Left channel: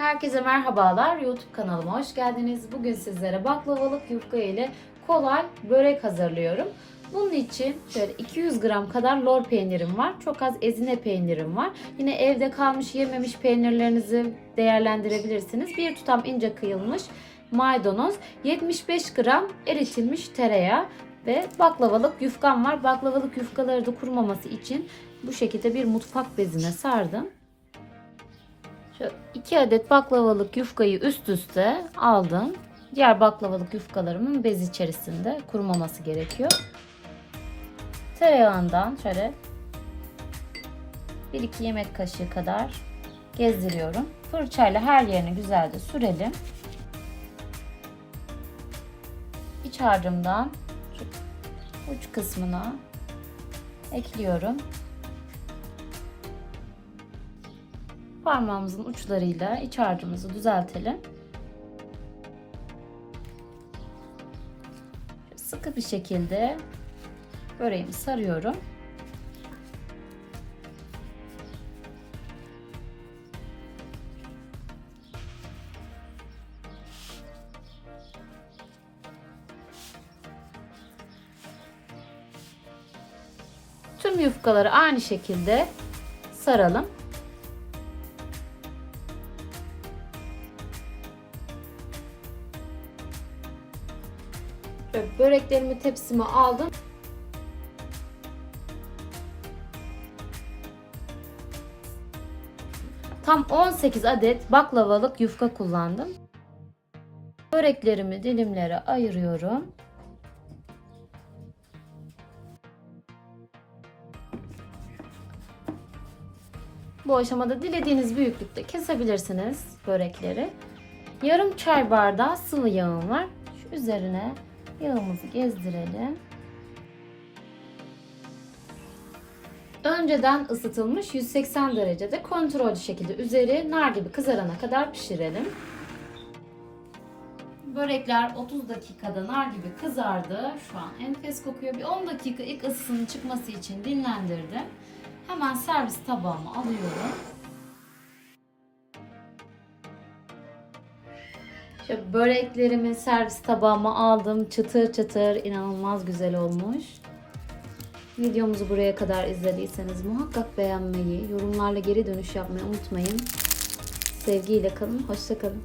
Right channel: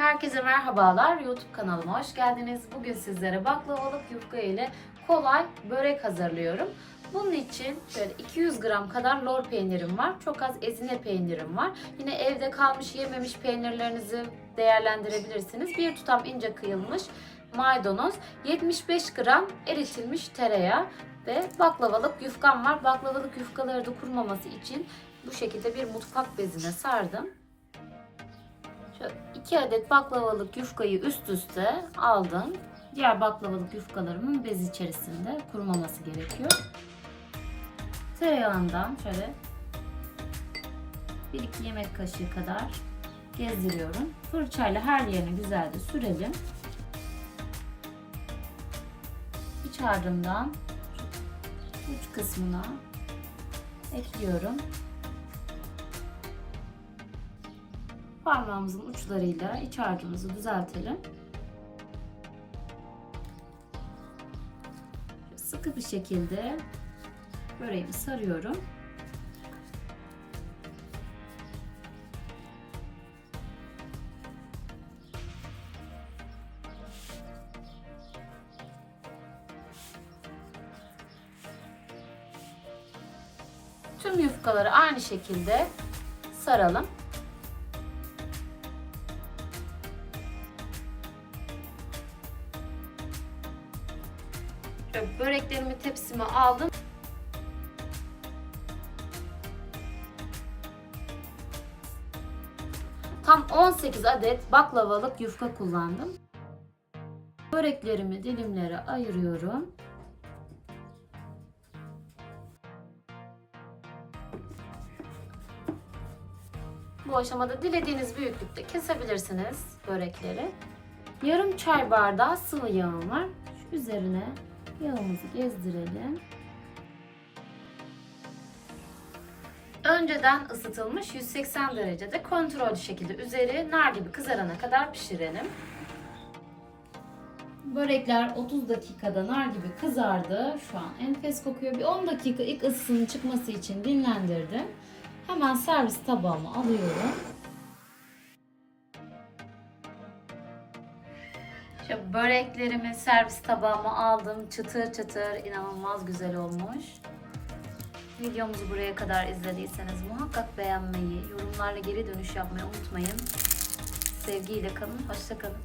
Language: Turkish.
Herkese merhabalar. YouTube kanalıma hoş geldiniz. Bugün sizlere baklavalık yufka ile kolay börek hazırlıyorum. Bunun için şöyle 200 gram kadar lor peynirim var. Çok az ezine peynirim var. Yine evde kalmış yememiş peynirlerinizi değerlendirebilirsiniz. Bir tutam ince kıyılmış maydanoz, 75 gram eritilmiş tereyağı ve baklavalık yufkam var. Baklavalık yufkaları da kurumaması için bu şekilde bir mutfak bezine sardım. Şöyle 2 adet baklavalık yufkayı üst üste aldım. Diğer baklavalık yufkalarımın bez içerisinde kurumaması gerekiyor. Tereyağından şöyle 1-2 yemek kaşığı kadar gezdiriyorum. Fırçayla her yerine güzelce sürelim. İç harcımdan uç kısmına ekliyorum. Parmağımızın uçlarıyla iç harcımızı düzeltelim. Sıkı bir şekilde böreğimi sarıyorum. Tüm yufkaları aynı şekilde saralım. Böreklerimi tepsime aldım. Tam 18 adet baklavalık yufka kullandım. Böreklerimi dilimlere ayırıyorum. Bu aşamada dilediğiniz büyüklükte kesebilirsiniz börekleri. Yarım çay bardağı sıvı yağım var. Şu üzerine yağımızı gezdirelim. Önceden ısıtılmış 180 derecede kontrollü şekilde üzeri nar gibi kızarana kadar pişirelim. Börekler 30 dakikada nar gibi kızardı. Şu an enfes kokuyor. Bir 10 dakika ilk ısısının çıkması için dinlendirdim. Hemen servis tabağıma alıyorum. Şöyle böreklerimi servis tabağıma aldım. Çıtır çıtır inanılmaz güzel olmuş. Videomuzu buraya kadar izlediyseniz muhakkak beğenmeyi, yorumlarla geri dönüş yapmayı unutmayın. Sevgiyle kalın, hoşça kalın.